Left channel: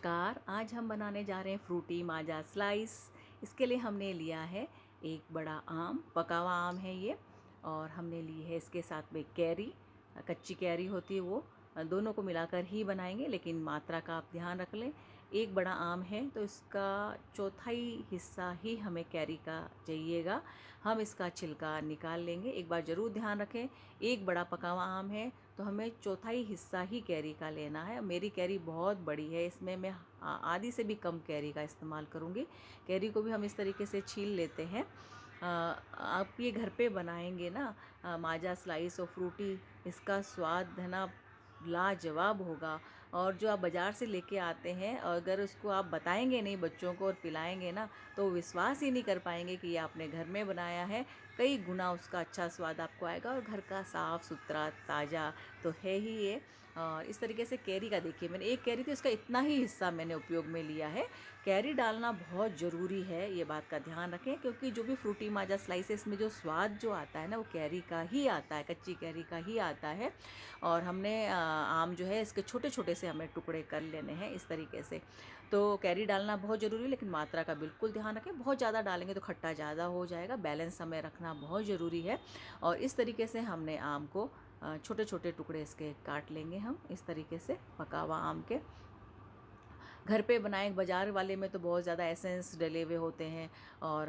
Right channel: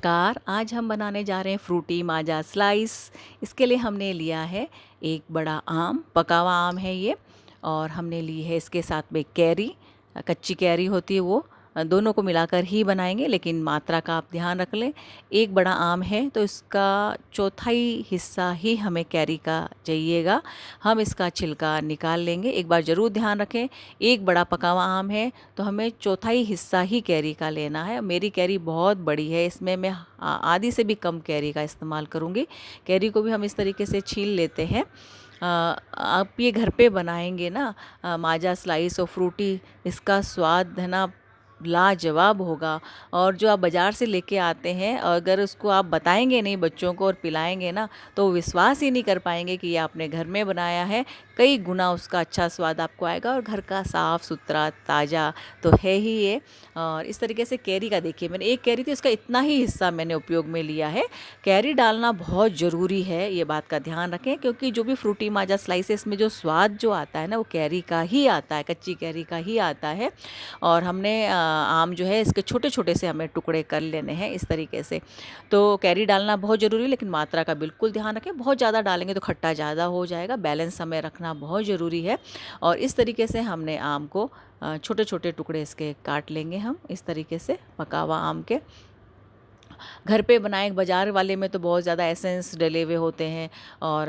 नमस्कार। आज हम बनाने जा रहे हैं फ्रूटी माजा स्लाइस। इसके लिए हमने लिया है एक बड़ा आम, पका हुआ आम है ये। और हमने ली है इसके साथ में कैरी, कच्ची कैरी होती है वो। दोनों को मिलाकर ही बनाएंगे, लेकिन मात्रा का आप ध्यान रख लें। एक बड़ा आम है तो इसका चौथाई हिस्सा ही हमें कैरी का चाहिएगा। हम इसका छिलका निकाल लेंगे। एक बार ज़रूर ध्यान रखें, एक बड़ा पका हुआ आम है तो हमें चौथाई हिस्सा ही कैरी का लेना है। मेरी कैरी बहुत बड़ी है, इसमें मैं आधी से भी कम कैरी का इस्तेमाल करूँगी। कैरी को भी हम इस तरीके से छील लेते हैं। आप ये घर पे बनाएंगे ना, माजा स्लाइस और फ्रूटी, इसका स्वाद है ना लाजवाब होगा। और जो आप बाज़ार से लेके आते हैं, अगर उसको आप बताएंगे नहीं बच्चों को और पिलाएंगे ना, तो वो विश्वास ही नहीं कर पाएंगे कि ये आपने घर में बनाया है। कई गुना उसका अच्छा स्वाद आपको आएगा। और घर का साफ़ सुथरा ताज़ा तो है ही ये। और इस तरीके से कैरी का देखिए, मैंने एक कैरी थी, उसका इतना ही हिस्सा मैंने उपयोग में लिया है। कैरी डालना बहुत ज़रूरी है, ये बात का ध्यान रखें, क्योंकि जो भी फ्रूटी माजा स्लाइसेस में जो स्वाद जो आता है ना, वो कैरी का ही आता है, कच्ची कैरी का ही आता है। और हमने आम जो है इसके छोटे छोटे से हमें टुकड़े कर लेने हैं इस तरीके से। तो कैरी डालना बहुत ज़रूरी है, लेकिन मात्रा का बिल्कुल ध्यान रखें। बहुत ज़्यादा डालेंगे तो खट्टा ज़्यादा हो जाएगा। बैलेंस हमें रखना बहुत ज़रूरी है। और इस तरीके से हमने आम को छोटे छोटे टुकड़े इसके काट लेंगे हम, इस तरीके से पका हुआ आम के। घर पे बनाए बाज़ार वाले में तो बहुत ज़्यादा एसेंस डले हुए होते हैं और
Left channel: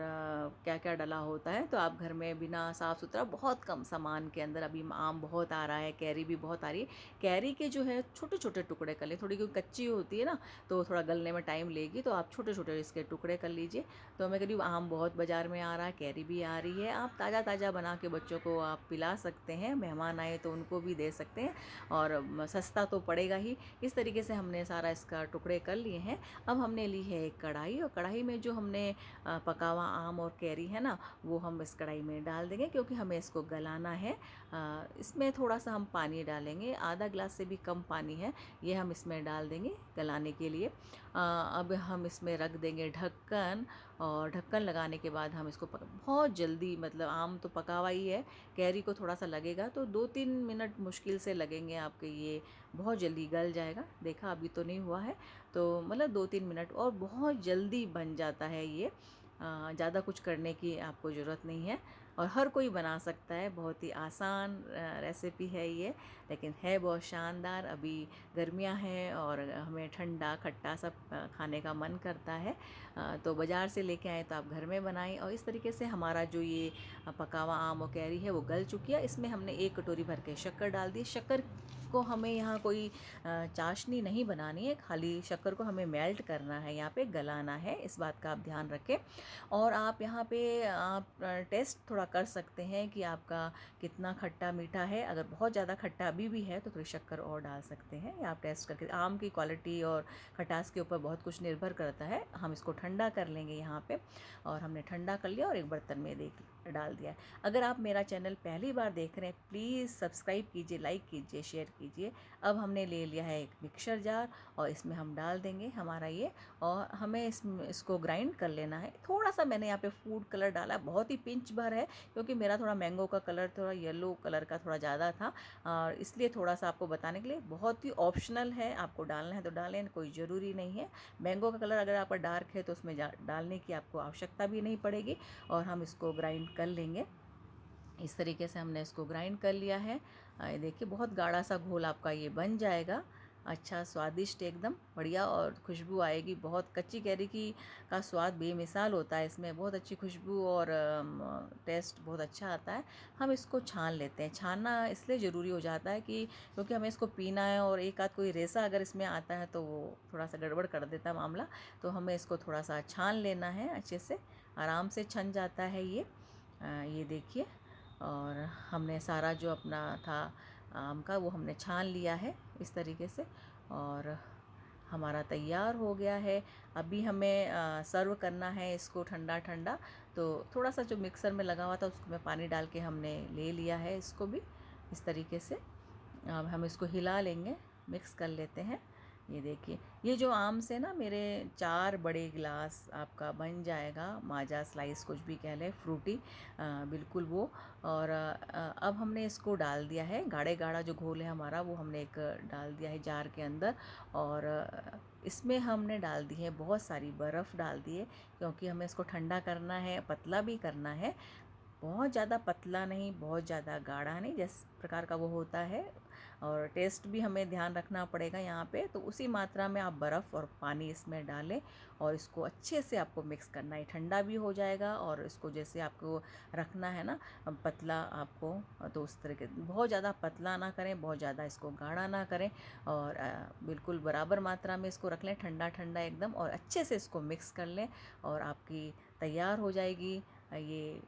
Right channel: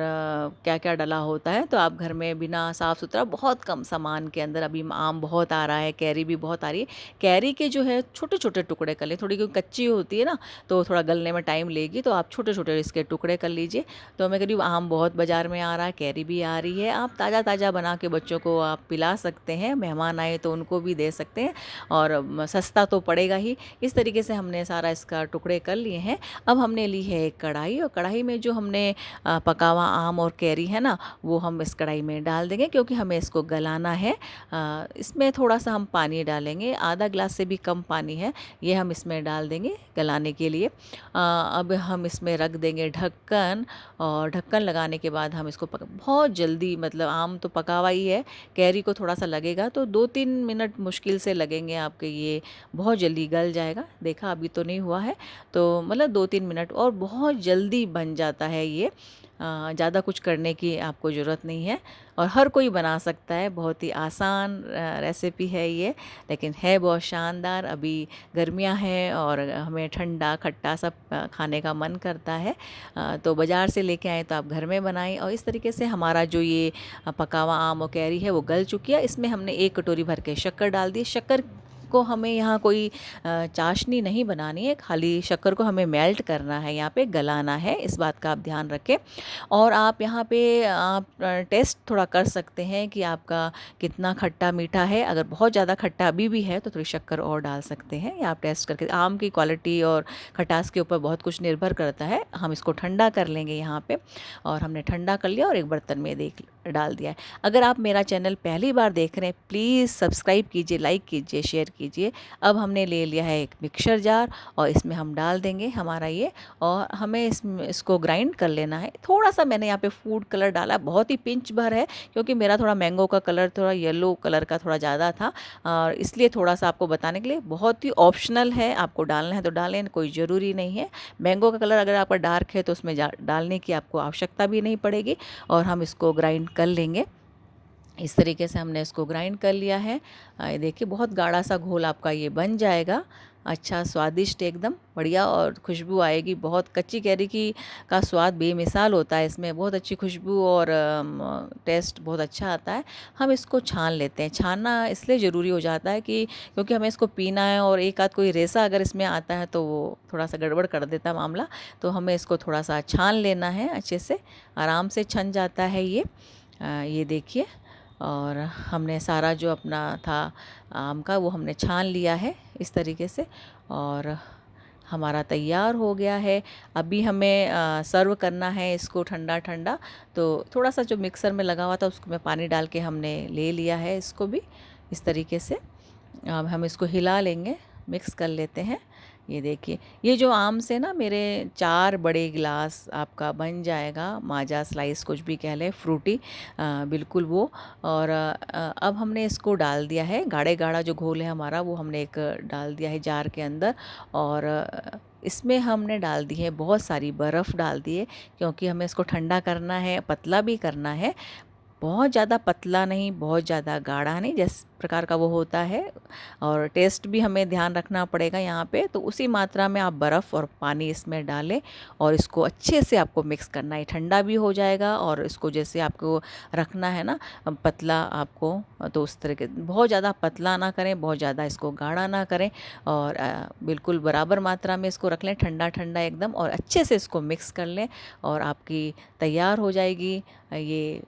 क्या क्या डला होता है। तो आप घर में बिना साफ़ सुथरा बहुत कम सामान के अंदर, अभी आम बहुत आ रहा है, कैरी भी बहुत आ रही है, कैरी के जो है छोटे छोटे टुकड़े कर लें। थोड़ी क्योंकि कच्ची होती है ना, तो थोड़ा गलने में टाइम लेगी, तो आप छोटे छोटे इसके टुकड़े कर लीजिए। तो मैं कह रही हूँ आम बहुत बाज़ार में आ रहा है, कैरी भी आ रही है, आप ताज़ा ताज़ा बना के बच्चों को आप पिला सकते हैं। मेहमान आए तो उनको भी दे सकते हैं, और सस्ता तो पड़ेगा ही। इस तरीके से हमने सारा इसका टुकड़े कर लिए हैं। अब हमने ली है एक कढ़ाई, और कढ़ाई में जो हमने पका हुआ आम और कैरी है ना, वो हम इस कढ़ाई में डाल देंगे, क्योंकि हमें इसको गलाना है। इसमें थोड़ा सा हम पानी डालेंगे, आधा ग्लास से भी कम पानी है, ये हम इसमें डाल देंगे गलाने के लिए। अब हम इसमें रख देंगे ढक्कन, और ढक्कन लगाने के बाद हम इसको बहुत जल्दी, मतलब आम तो पका हुआ ही है, कैरी को थोड़ा सा लगेगा, तो 2-3 मिनट मुश्किल से लगेंगे आपके, ये बहुत जल्दी गल जाएगा। देखा अभी तो नहीं हुआ है, तो मतलब 2-3 मिनट, और बहुत जल्दी बन जाता है ये। ज़्यादा कुछ करने की आपको ज़रूरत नहीं है, और हर कोई बना सकता है। बहुत ही आसान रेसिपी है ये, लेकिन है बहुत शानदार। अभी गर्मियाँ हैं और हमें ठंडा खट्टा सब खाने का मन करता है। तो बाज़ार से लेके आएँ तो आप घर में बनाएं। और इस तरीके से हमारा जो ये पका हुआ आम और कैरी है वो गल चुकी है। इसमें हमने 1 कटोरी भर के शक्कर डाल दी। शक्कर को हमें यहाँ कोई चाशनी नहीं बनानी है, खाली शक्कर को हमें मेल्ट करना है, यहाँ पे गलाना है, इस बात का आप ध्यान रखें। और आप यहाँ पे आप टेस्ट थोड़ा कर सकते हैं कि आपका कितना खट्टा मीठा है। अगर बहुत ज़्यादा खट्टा अभी भी है तो थोड़ी शक्कर और डाल सकते हैं, या आप टेस्ट करके। आम की क्वालिटी और खटास के ऊपर बहुत कुछ निर्भर करता है। हम इसको ठंडा कर लेंगे यहाँ पे, और हमने ठंडा कर लिया और एक बर्तन में डाल दिया है। अगर आप मेरा चैनल पहली बार देख रहे हैं, प्लीज़ सब्सक्राइब कीजिए, लाइक कीजिए, शेयर कीजिए। अब हमने ले लिया है एक मिक्सर जार, और इसमें हम डाल देंगे हमारा ये, और हमें इसको ग्राइंड कर लेना है। थोड़ा सा मैंने यहाँ पे फूड कलर डाला, बहुत ही पिंच भर है, क्योंकि मेरा थोड़ा मैंगो का कलर, थोड़ा येलो कलर का थोड़ा ज़्यादा था, और इसलिए थोड़ा सा आपको बताने के लिए। बहुत ही ऑप्शनल है, आपको डालना है तो डालें, कोई ज़रूरी नहीं है। मैंगो का कलर अगर आपका डार्क है तो उसमें डालने की आपको आवश्यकता भी नहीं पड़ेगी। और हम इसको ग्राइंड कर लेंगे। इस तरीके से हमने इसको ग्राइंड कर लिया है। ये देखिए बहुत गाढ़ा सा घोल आपका ये बन जाएगा। अच्छा स्वादिष्ट एकदम बढ़िया, और खुशबू आएगी बहुत। कच्ची कैरी की का स्वाद बेमिसाल होता है, इसमें बहुत अच्छी खुशबू और टेस्ट बहुत अच्छा आता है। हम इसको छान लेते हैं। छानना इसलिए ज़रूरी हो जाता है कि क्योंकि हमें इसको पीना है, और एक आध कोई रेसा अगर इसमें आता है तो वो थोड़ा सा गड़बड़ कर देता है मामला। तो हमें इसको थोड़ा सा छान लेना है अच्छे से, आराम से छन जाता है ये। ये देखिए, और हमने सारा जो अपना था आम का वो हमने छान लिया है इस तरीके से, और हमारा तैयार हो गया है। अभी हमें सर्व करना है इसको ठंडा ठंडा। तो थोड़ा सा जो मिक्सर में लगा हुआ था उसको मैं पानी डाल के हमने ले लिया है इसको भी इस तरीके से। अब हम इसको हिला लेंगे, मिक्स कर लेते हैं। ये देखिए, ये जो आम से ना मेरे 4 बड़े गिलास आपका बन जाएगा माजा स्लाइस, कुछ भी कह लें, फ्रूटी बिल्कुल वो। और अब हमने इसको डाल दिया है, गाढ़े गाढ़ा जो घोल है हमारा वो हमने एक डाल दिया है जार के अंदर। और इसमें हमने डाल दी है बहुत सारी बर्फ़ डाल दी है, क्योंकि हमें इसको ठंडा करना है, पतला भी करना है। बहुत ज़्यादा पतला नहीं, बहुत ज़्यादा गाढ़ा नहीं, जिस प्रकार का वो होता है। और टेस्ट भी हमें ध्यान रखना पड़ेगा यहाँ पे, तो उसी मात्रा में आप बर्फ़ और पानी इसमें डालें और इसको अच्छे से आपको मिक्स करना है। ठंडा भी हो जाएगा और इसको जैसे आपको रखना है ना पतला आपको, तो उस तरह के बहुत ज़्यादा पतला ना करें, बहुत ज़्यादा इसको गाढ़ा ना करें, और बिल्कुल बराबर मात्रा में इसको रख लें, ठंडा ठंडा एकदम, और अच्छे से इसको मिक्स कर लें और आपकी तैयार हो जाएगी ये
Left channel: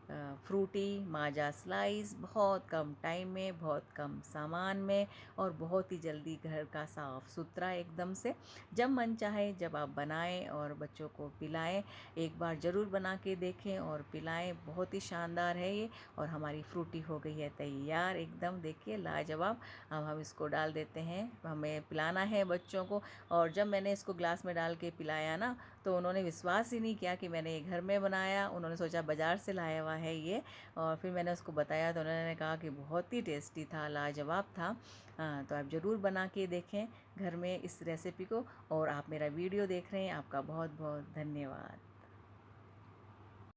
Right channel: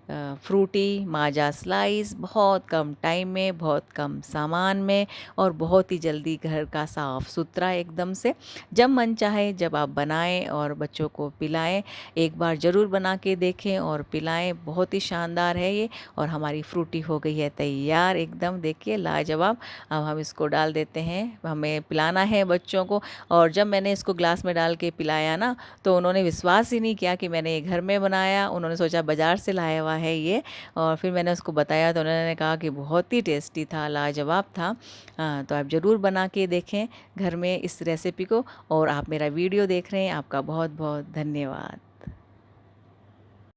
फ्रूटी माजा स्लाइस। बहुत कम टाइम में, बहुत कम सामान में, और बहुत ही जल्दी घर का साफ़ सुथरा एकदम से। जब मन चाहे जब आप बनाएं और बच्चों को पिलाएं। एक बार ज़रूर बना के देखें और पिलाएं, बहुत ही शानदार है ये। और हमारी फ्रूटी हो गई है तैयार एकदम, देखिए लाजवाब। अब हम इसको डाल देते हैं, हमें पिलाना है बच्चों को। और जब मैंने इसको ग्लास में डाल के पिलाया ना, तो उन्होंने विश्वास ही नहीं किया कि मैंने ये घर में बनाया। उन्होंने सोचा बाज़ार से लाया हुआ है ये। और फिर मैंने उसको बताया तो उन्होंने कहा कि बहुत ही टेस्टी था, लाजवाब था। तो आप ज़रूर बना के देखें घर में इस रेसिपी को। और आप मेरा वीडियो देख रहे हैं, आपका बहुत बहुत धन्यवाद।